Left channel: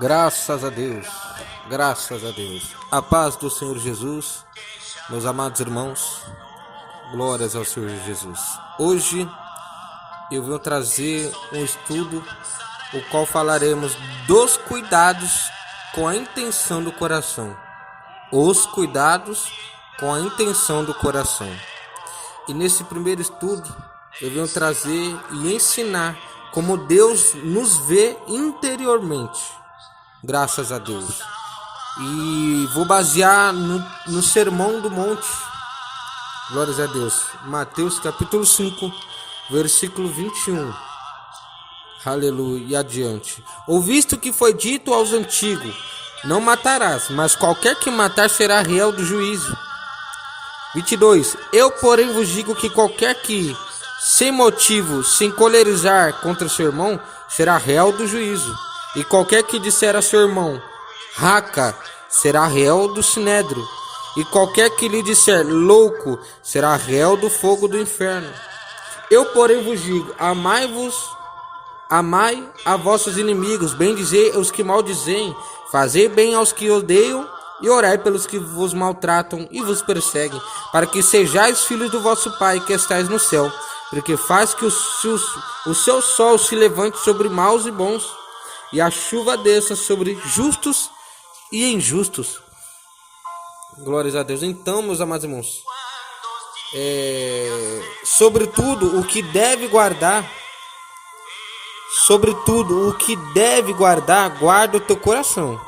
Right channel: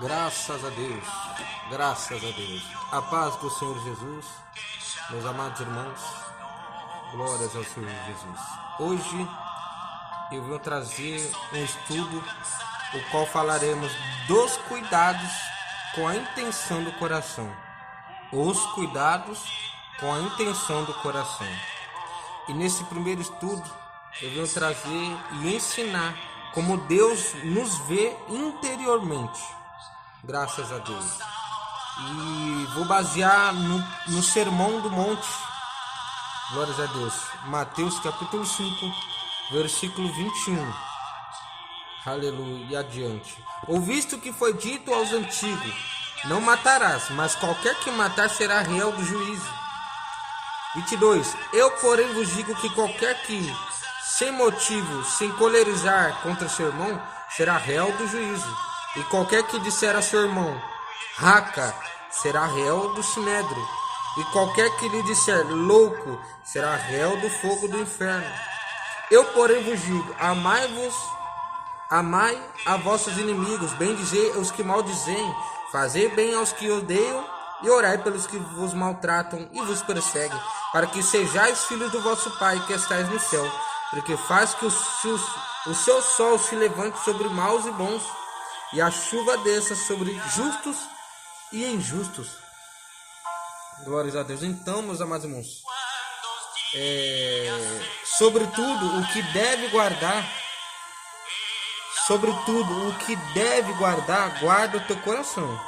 Graças a Deus, graças a Deus. A paz do Senhor Jesus, meus amados irmãos, glórias ao Senhor Jesus. Hoje eu vou trazer um estudo, o qual falaremos dos cuidados com a intenção do coração. Os cuidados com a intenção do coração. E nesse primeiro estudo eu venho trazer e ensinar como Deus nos vê interiormente. Graças a Deus. E vou basear no Sermão do Monte. Glórias a Deus. Mateus capítulo 5, versículo 21. Aleluia. E adiante. Ouviste o que foi dito aos antigos: não matarás, mas qualquer que matar será réu do juízo. 22. Eu, porém, vos digo que qualquer que, sem motivo, se encolerizar contra seu irmão, será réu do juízo. E qualquer que disser a seu irmão, raca, será réu do sinédrio. E qualquer que lhe disser louco, será réu do fogo do inferno. Eu, porém, vos digo: amai a vossos inimigos, bendizei os que maldizem, fazei bem aos que odeiam, e orai pelos que vos maltratam e vos perseguem, para que sejais filhos do vosso Pai que estais no céu, porque faz que o seu sol se levante sobre maus e bons, e a chuva desça sobre justos e injustos. Glórias a Deus. Então, meus amados irmãos, sobretudo o que deve guardar, guarda o teu coração,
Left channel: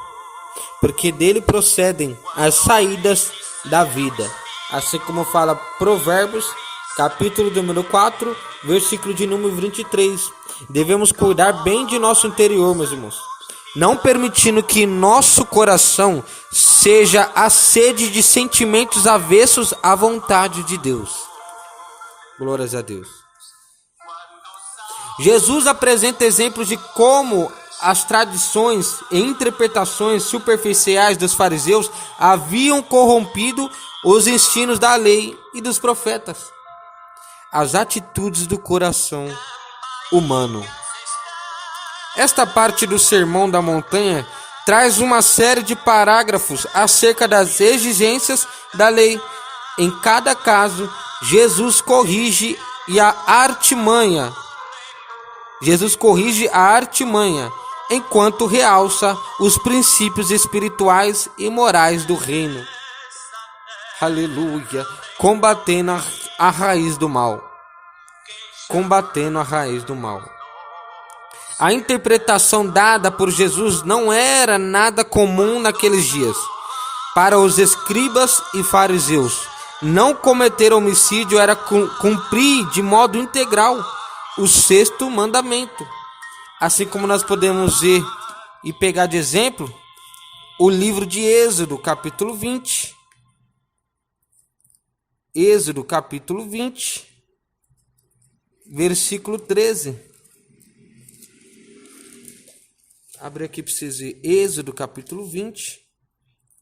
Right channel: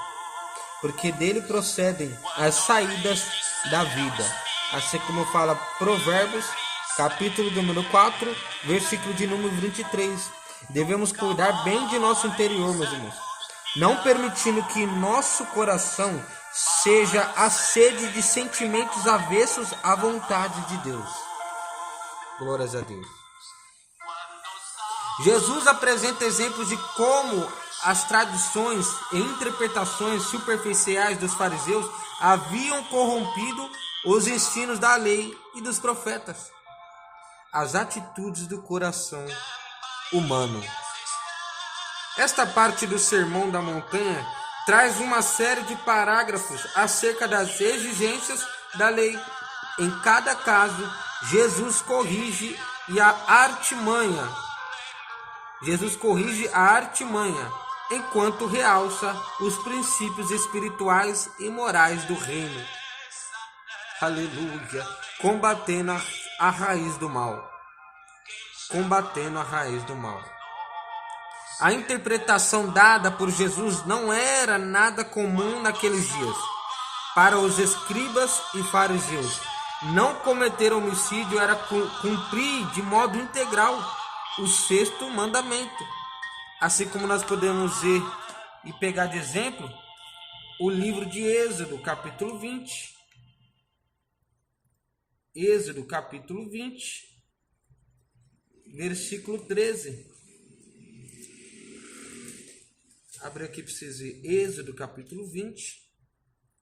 porque dele procedem as saídas da vida. Assim como fala Provérbios, capítulo número 4, versículo de número 23. Devemos cuidar bem de nosso interior, meus irmãos, não permitindo que nosso coração seja a sede de sentimentos avessos à vontade de Deus. Glórias a Deus. Jesus apresenta exemplos de como as tradições e interpretações superficiais dos fariseus haviam corrompido os ensinos da lei e dos profetas. As atitudes do coração humano. Esta parte do Sermão da Montanha traz uma série de parágrafos acerca das exigências da lei. Em cada caso, Jesus corrige a artimanha, enquanto realça os princípios espirituais e morais do reino. Aleluia! Combatendo a raiz do mal. A interpretação dada por Jesus não era nada comum naqueles dias. Para os escribas e fariseus, não cometer homicídio era cumprir de modo integral o sexto mandamento. Assim como nós podemos ver e pegar de exemplo o livro de Êxodo, capítulo 20. Êxodo, capítulo 20, versículo 13. Abre aqui para vocês verem. Êxodo, capítulo 20,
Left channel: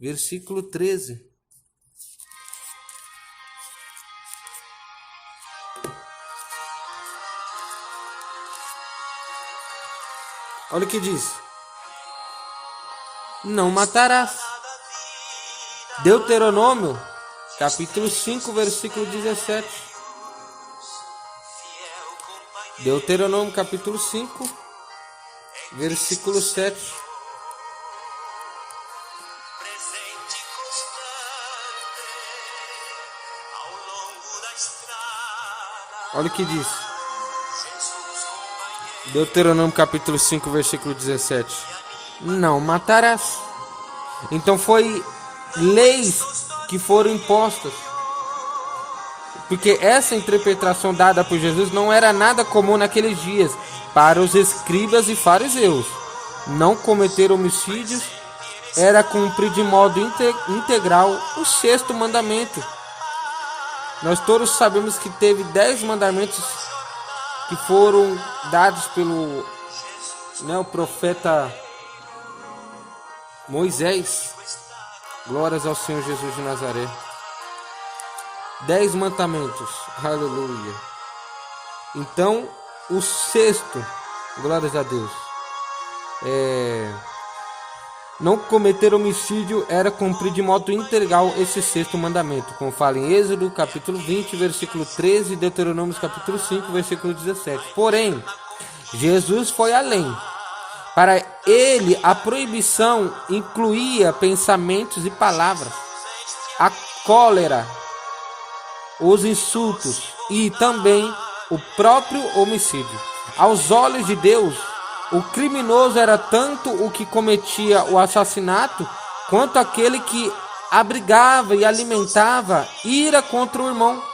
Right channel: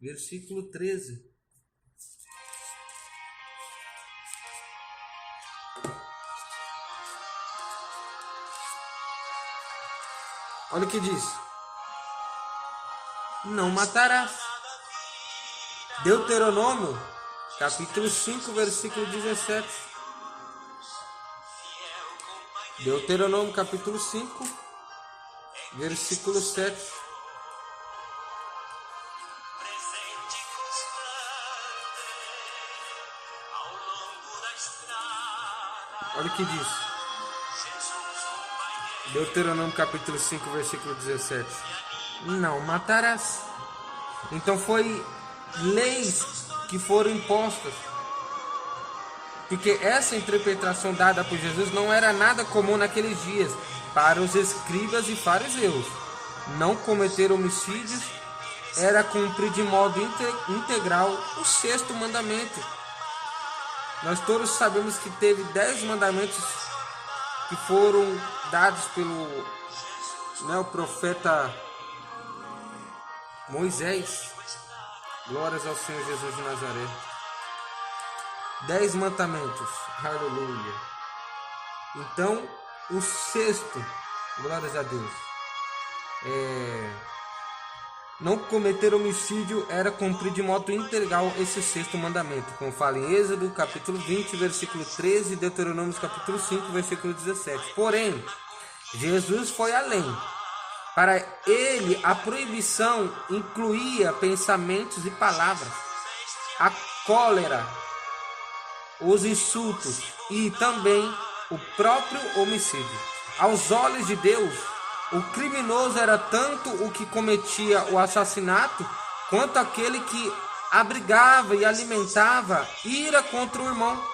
versículo 13. Olha o que diz: não matarás. Deuteronômio, capítulo 5, versículo 17. Deuteronômio, capítulo 5, versículo 7. Olha o que diz. Deuteronômio capítulo 5, versículo 17. Não matarás. Então foi leis que foram impostas. Porque essa interpretação dada por Jesus não era nada comum naqueles dias para os escribas e fariseus. Não cometer homicídios era cumprir de modo integral o sexto mandamento. Nós todos sabemos que teve 10 mandamentos que foram dados pelo o profeta Moisés, glórias ao Senhor Jesus de Nazaré. 10 mandamentos, aleluia. Então, o sexto, glórias a Deus, não cometer homicídio era cumprir de modo integral esse sexto mandamento, como fala em Êxodo capítulo 20, versículo 13 e Deuteronômio capítulo 5, versículo 17. Porém, Jesus foi além. Para ele, a proibição incluía pensamentos e palavras, a cólera, os insultos e também o próprio homicídio. Aos olhos de Deus, o criminoso era tanto o que cometia o assassinato, quanto aquele que abrigava e alimentava ira contra o irmão.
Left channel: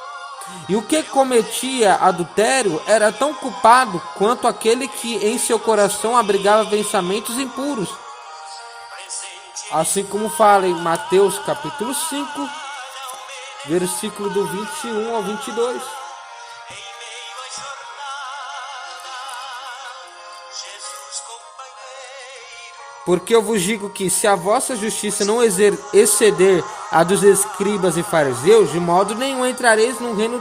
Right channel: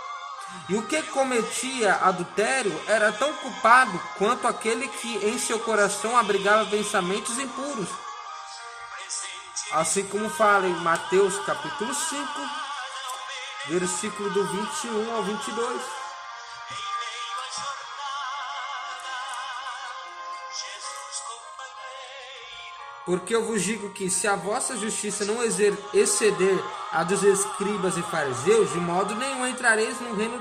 E o que cometia adultério era tão culpado quanto aquele que em seu coração abrigava pensamentos impuros. Assim como fala em Mateus capítulo 5, versículo do 21 ao 22. Porque eu vos digo que, se a vossa justiça não exceder a dos escribas e fariseus, de modo nenhum entrareis no reino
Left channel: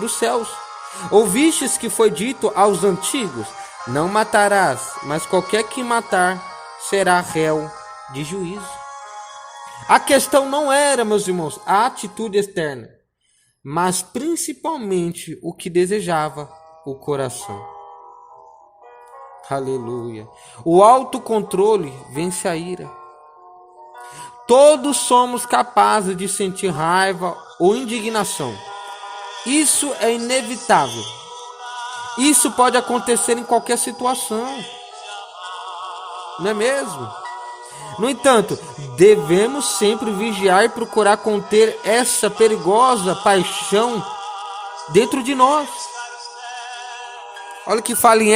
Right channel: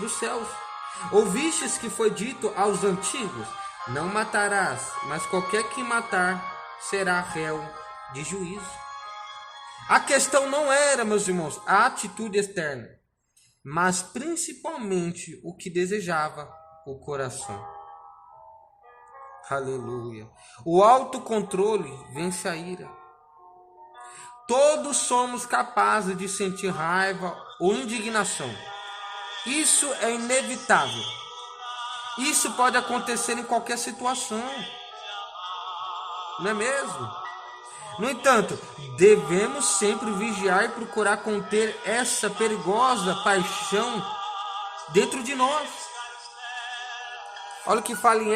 dos céus. Ouvistes que foi dito aos antigos: não matarás, mas qualquer que matar será réu de juízo. A questão não era, meus irmãos, a atitude externa, mas principalmente o que desejava o coração. Aleluia. O autocontrole vence a ira. Todos somos capazes de sentir raiva ou indignação. Isso é inevitável. Isso pode acontecer em qualquer situação. Não é mesmo? No entanto, devemos sempre vigiar e procurar conter essa perigosa paixão dentro de nós. Olha o que fala em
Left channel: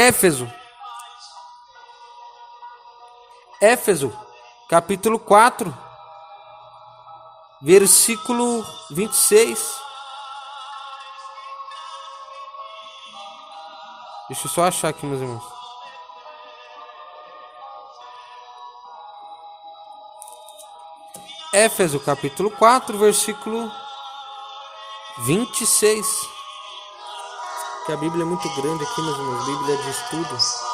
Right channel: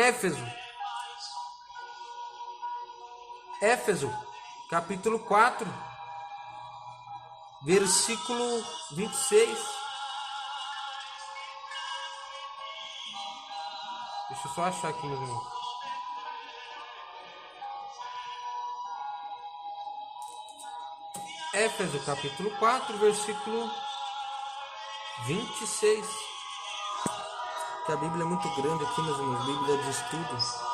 Éfeso, capítulo 4, versículo 26. Deixa eu só achar aqui, meus irmãos. Éfeso, capítulo 4, versículo 26. Que a Bíblia é muito grande aqui, meus irmãos. Bíblia de estudo.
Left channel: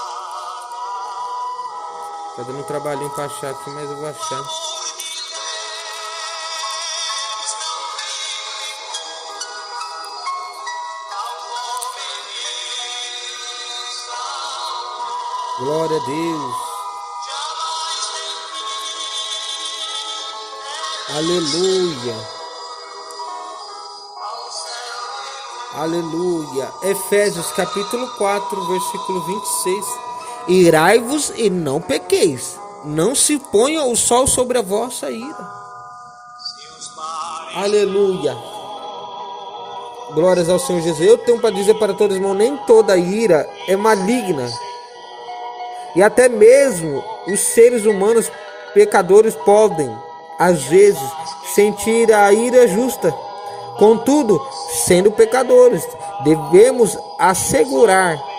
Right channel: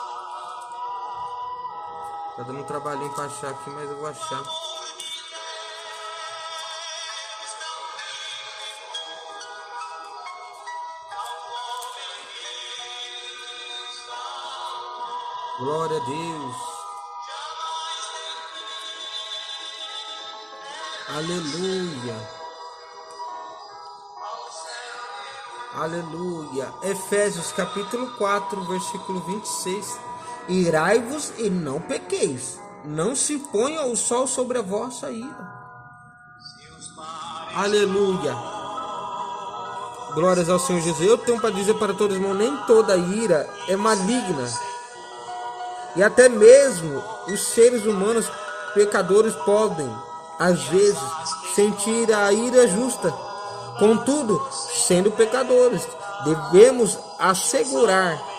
Tá dando um trabalhinho para achar aqui, mas eu vou achar. Glória a Deus. Aleluia. Aleluia. Efésios capítulo 4, versículo 26. Irai-vos e não pequeis. Não se ponha o sol sobre a vossa ira. Aleluia. Glórias ao Senhor Jesus. Eu tenho para dizer para todos, irmãos, nem toda ira é maligna. E até mesmo os seres humanos pecadores podem, às vezes, sentir a ira justa. Contudo, sendo pecadores, devemos assegurar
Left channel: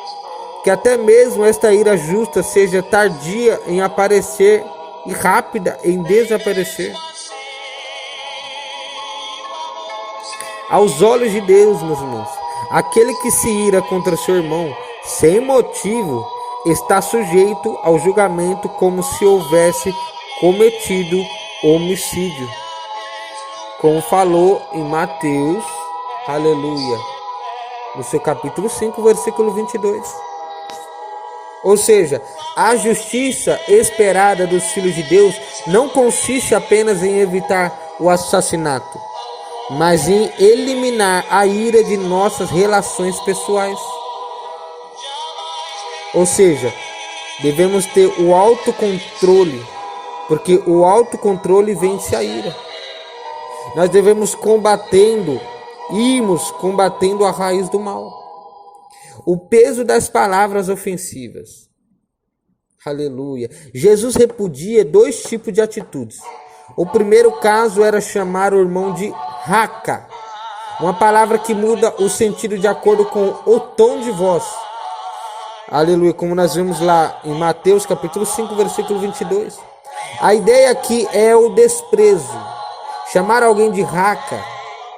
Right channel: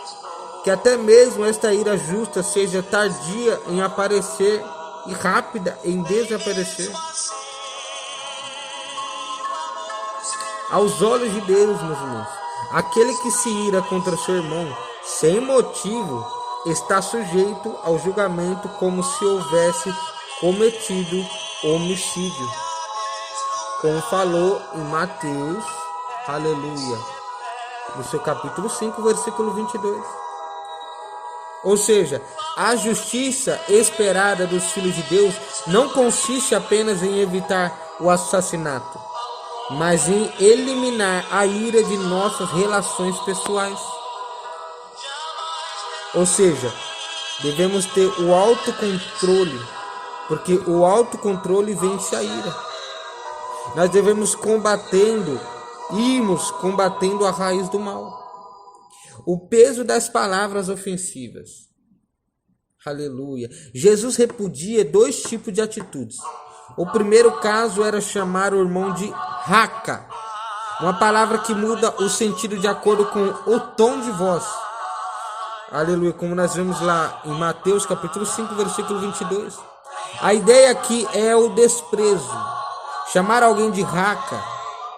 que até mesmo esta ira justa seja tardia em aparecer e rápida em desaparecer. Aos olhos de Deus, meus irmãos, aquele que se ira contra seu irmão sem motivo está sujeito ao julgamento como se houvesse cometido homicídio, como falou em Mateus, aleluia, no seu capítulo 5, versículo 22. Ou seja, a justiça esperada dos filhos de Deus não consiste apenas em evitar o assassinato, mas em eliminar a ira de nossas relações pessoais. Ou seja, devemos ter o autocontrole, porque o autocontrole vence a ira. Nós devemos irmos combatendo a raiz do mal. O peso das palavras ofensivas. Aleluia. Jesus repudia 2 tipos de atitudes. O primeiro caso era chamar o irmão de raca, uma palavra que muda o sentido de acordo com o tom de voz. Aleluia, como nós vemos lá em Mateus capítulo 5, versículo 22. A ideia aqui é o desprezo. Chamar alguém de raca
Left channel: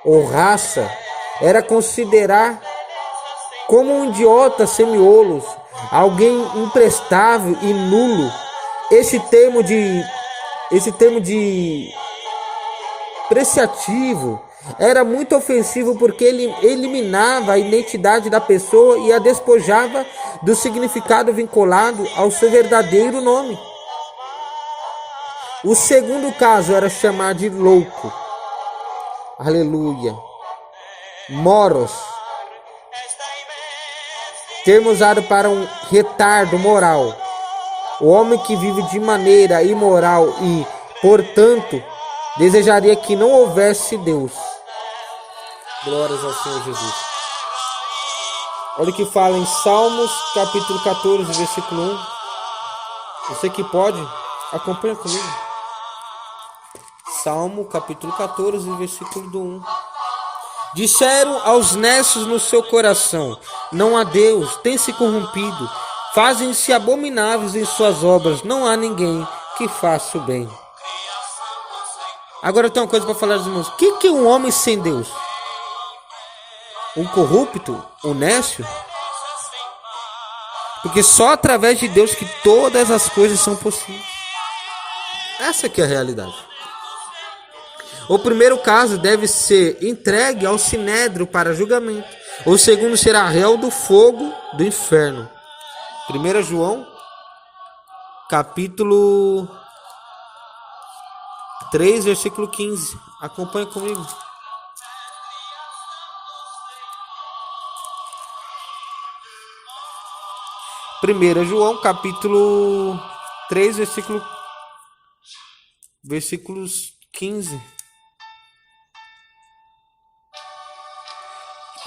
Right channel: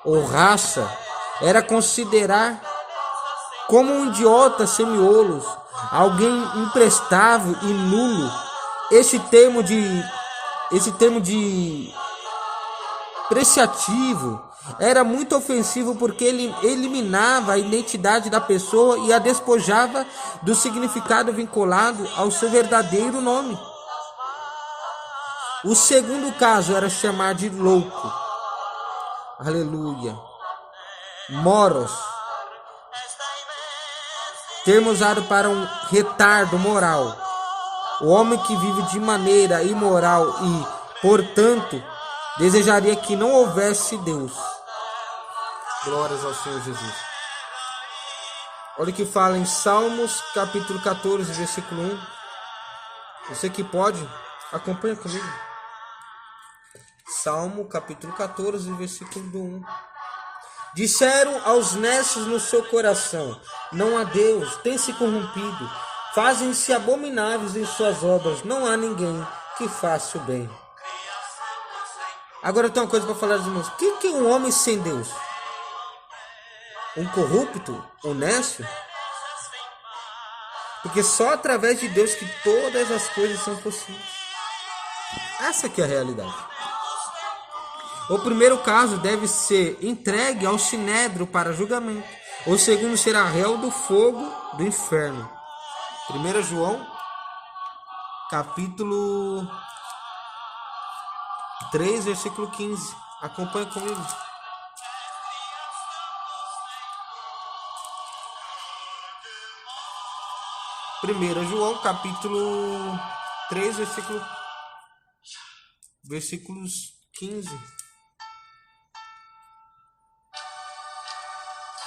ou raça era considerar como um idiota semiolus, alguém imprestável e nulo. Esse termo de preciativo era muito ofensivo porque ele eliminava a identidade da pessoa e a despojava do significado vinculado ao seu verdadeiro nome. O segundo caso era chamar de louco. Aleluia. Moros, termo usado para um retardo moral. O homem que vive de maneira imoral e, portanto, desejaria que não houvesse Deus. Glórias ao Senhor Jesus. Olha o que fala em Salmos, capítulo 14, versículo 1. Você que pode, acompanha comigo. Salmo, capítulo 14, versículo do 1. Disseram aos nécios no seu coração: não há Deus, tem se corrompido. Fazem-se abomináveis em suas obras, não há ninguém que faça o bem. Agora tem uma coisa para falar, irmãos. O que é um homem sem Deus? Um corrupto? Um nécio? Porque só através de Deus que todas as coisas são possíveis. Essa aqui é a realidade. O primeiro caso deve ser entregue ao sinédrio para julgamento. O segundo será réu do fogo do inferno. 1 João, capítulo 3, versículo 15. Acompanhe comigo. Primeira João, capítulo 3, versículos 15.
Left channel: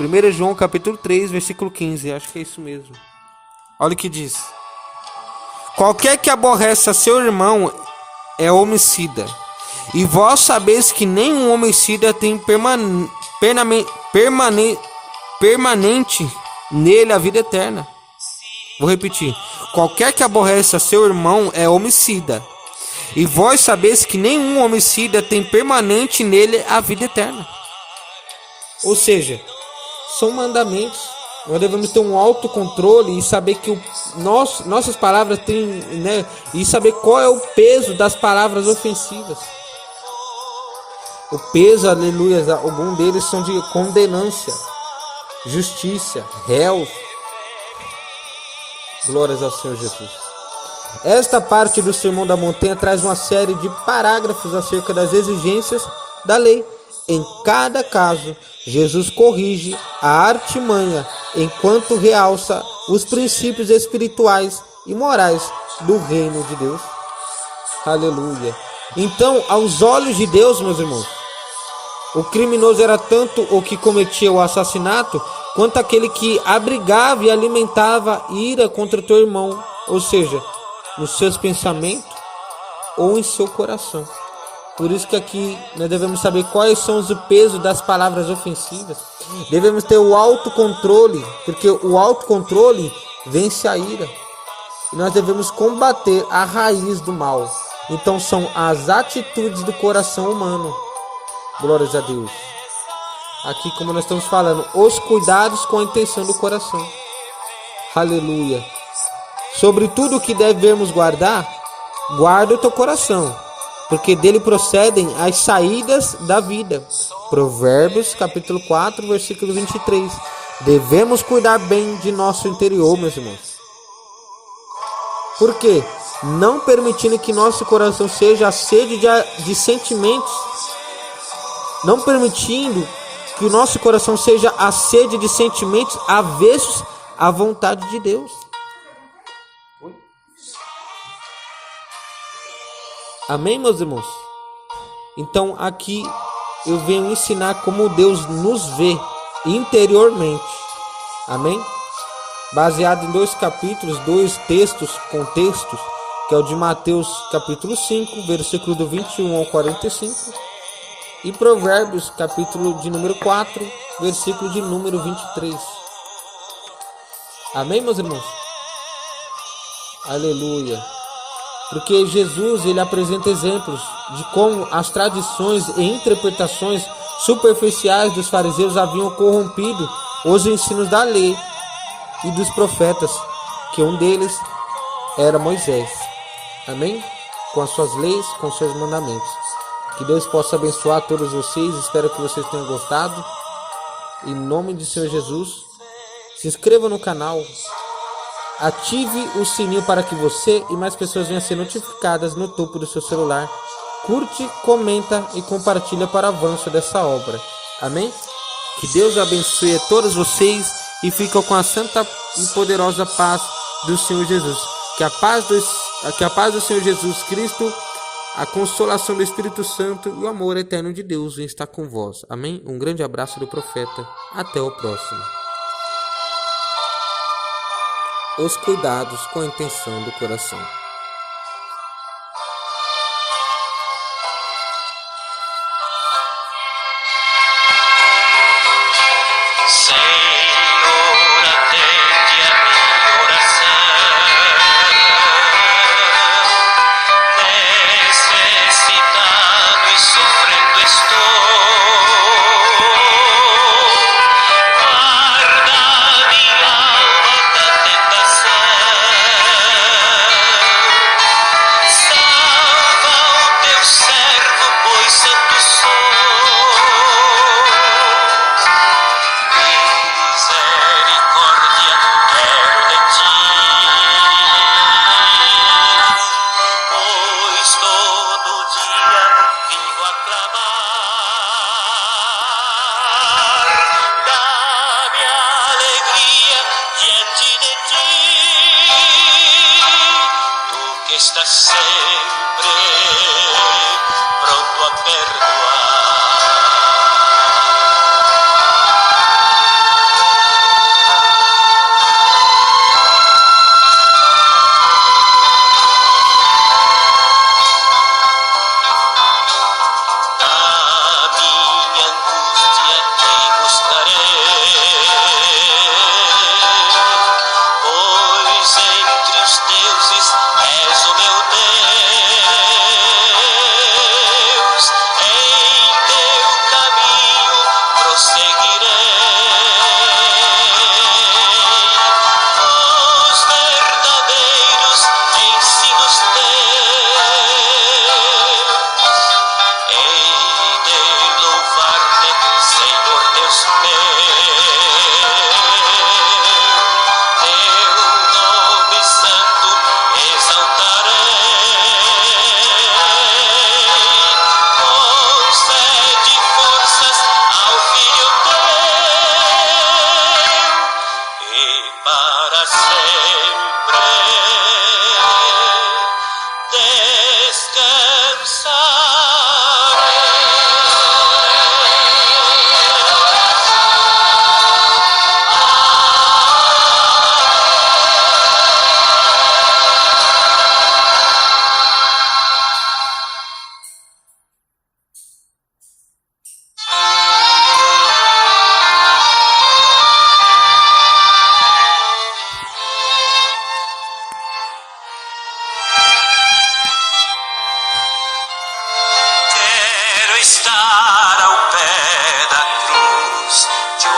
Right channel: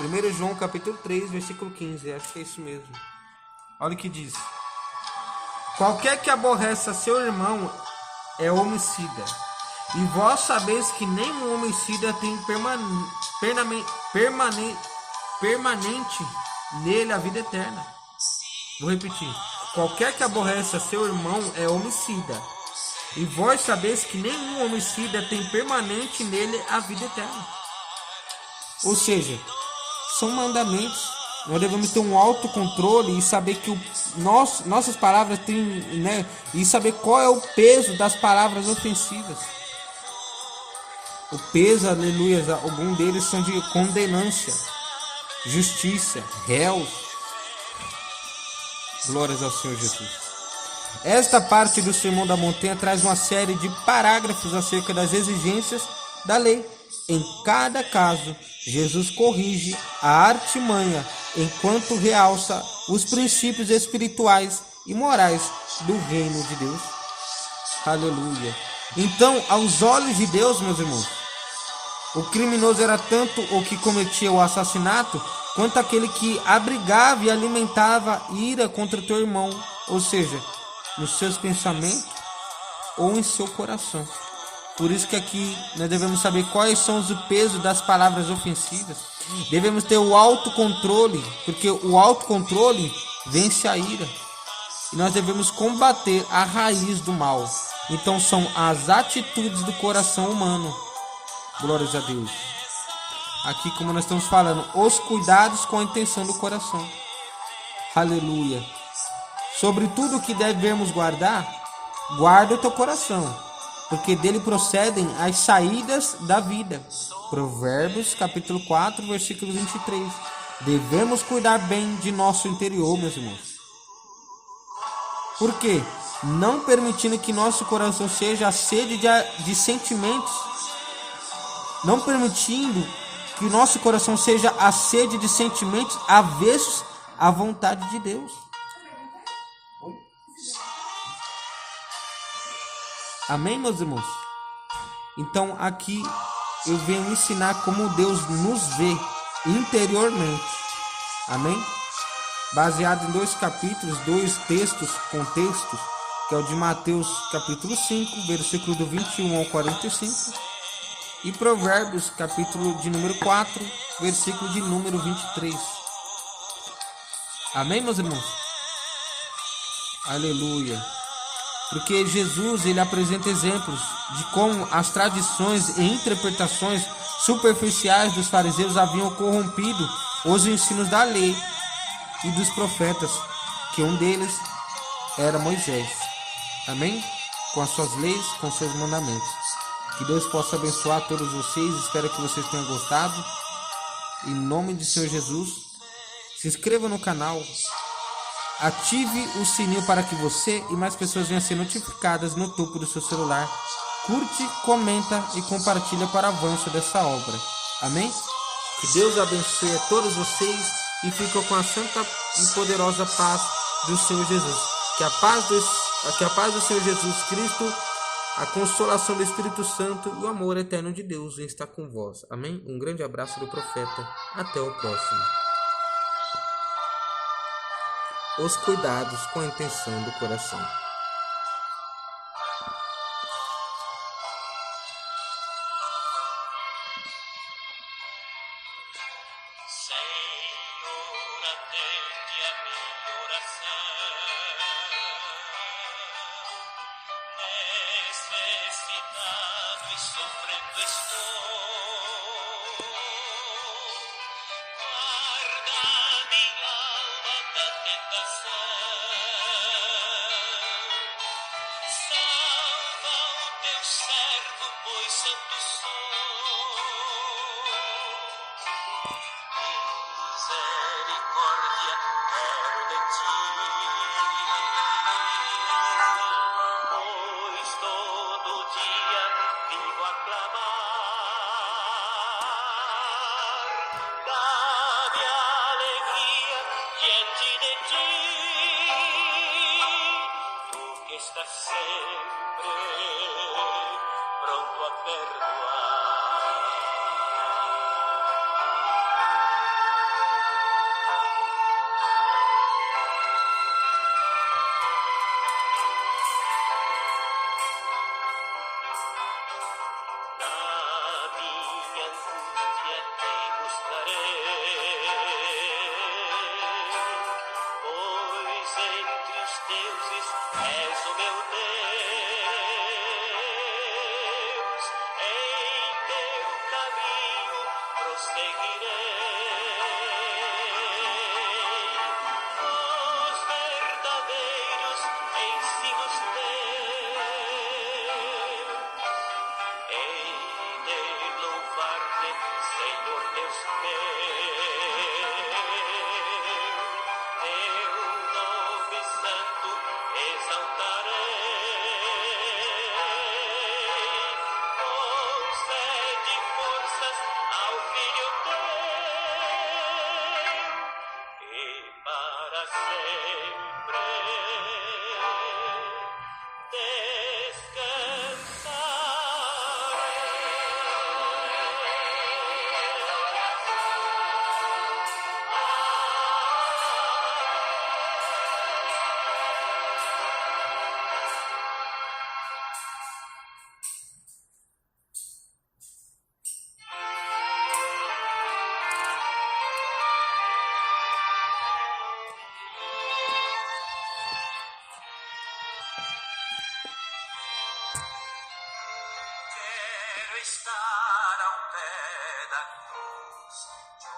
1 João, capítulo 3, versículo 15. Acho que é isso mesmo. Olha o que diz. Qualquer que aborrece a seu irmão é homicida. E vós sabeis que nenhum homicida tem permanente nele a vida eterna. Vou repetir. Qualquer que aborrece a seu irmão é homicida. E vós sabeis que nenhum homicida tem permanente nele a vida eterna. Ou seja, são mandamentos. Nós devemos ter um autocontrole e saber que nossas palavras têm, né? E saber qual é o peso das palavras ofensivas. O peso, aleluia, algum deles são de condenância, justiça, réus. Glórias ao Senhor Jesus. Esta parte do Sermão da Montanha traz uma série de parágrafos acerca das exigências da lei. Em cada caso, Jesus corrige a artimanha enquanto realça os princípios espirituais e morais do reino de Deus. Aleluia. Então, aos olhos de Deus, meus irmãos, o criminoso era tanto o que cometia o assassinato, quanto aquele que abrigava e alimentava ira contra teu irmão, ou seja, nos seus pensamentos ou em seu coração. Por isso que aqui nós devemos saber quais são os pesos das palavras ofensivas. Devemos ter o autocontrole, porque o autocontrole vence a ira. E nós devemos combater a raiz do mal. Então são as atitudes do coração humano. Glórias a Deus. Aqui, como nós estamos falando, os cuidados com a intenção do coração. Aleluia. Sobre tudo o que devemos guardar, guarda o teu coração, porque dele procedem as saídas da vida. Provérbios, capítulo 4, versículo 23. Devemos cuidar bem de nosso interior, meus irmãos. Por quê? Não permitindo que nosso coração seja a sede de sentimentos. Não permitindo que o nosso coração seja a sede de sentimentos avessos à vontade de Deus. Amém, meus irmãos? Então aqui eu venho ensinar como Deus nos vê interiormente. Amém? Baseado em dois capítulos, dois contextos, que é o de Mateus capítulo 5, versículo do 21 ao 45, e Provérbios capítulo de número 4, versículo de número 23. Amém, meus irmãos? Aleluia. porque Jesus ele apresenta exemplos de como as tradições e interpretações superficiais dos fariseus haviam corrompido os ensinos da lei e dos profetas, que um deles era Moisés. Amém? Com as suas leis, com seus mandamentos. Que Deus possa abençoar todos vocês. Espero que vocês tenham gostado. Em nome de Senhor Jesus, se inscreva no canal. Ative o sininho para que você e mais pessoas venham a ser notificadas no topo do seu celular. Curte, comenta e compartilha para o avanço dessa obra. Amém? Que Deus abençoe a todos vocês e fiquem com a santa e poderosa paz do Senhor Jesus. Que a paz do Senhor Jesus Cristo, a consolação do Espírito Santo e o amor eterno de Deus venha estar com vós. Amém? Um grande abraço do profeta. Até o próximo. Os cuidados com a intenção do coração. Senhor, atende a minha oração. Necessitado e sofrendo estou. Guarda minha alma da tentação. Salva o teu servo, pois santo sou. Misericórdia quero de ti, pois todo dia vivo a clamar. Dá-me alegria diante de ti, tu que estás sempre pronto a perdoar. A minha angústia te buscarei, pois entre os deuses és o meu Deus. Em teu caminho prosseguirei, os verdadeiros ensinos teus. Hei de louvar-te, Senhor Deus meu, teu nome santo exaltarei. Concede forças ao filho teu, e para sempre estar ao pé da cruz, de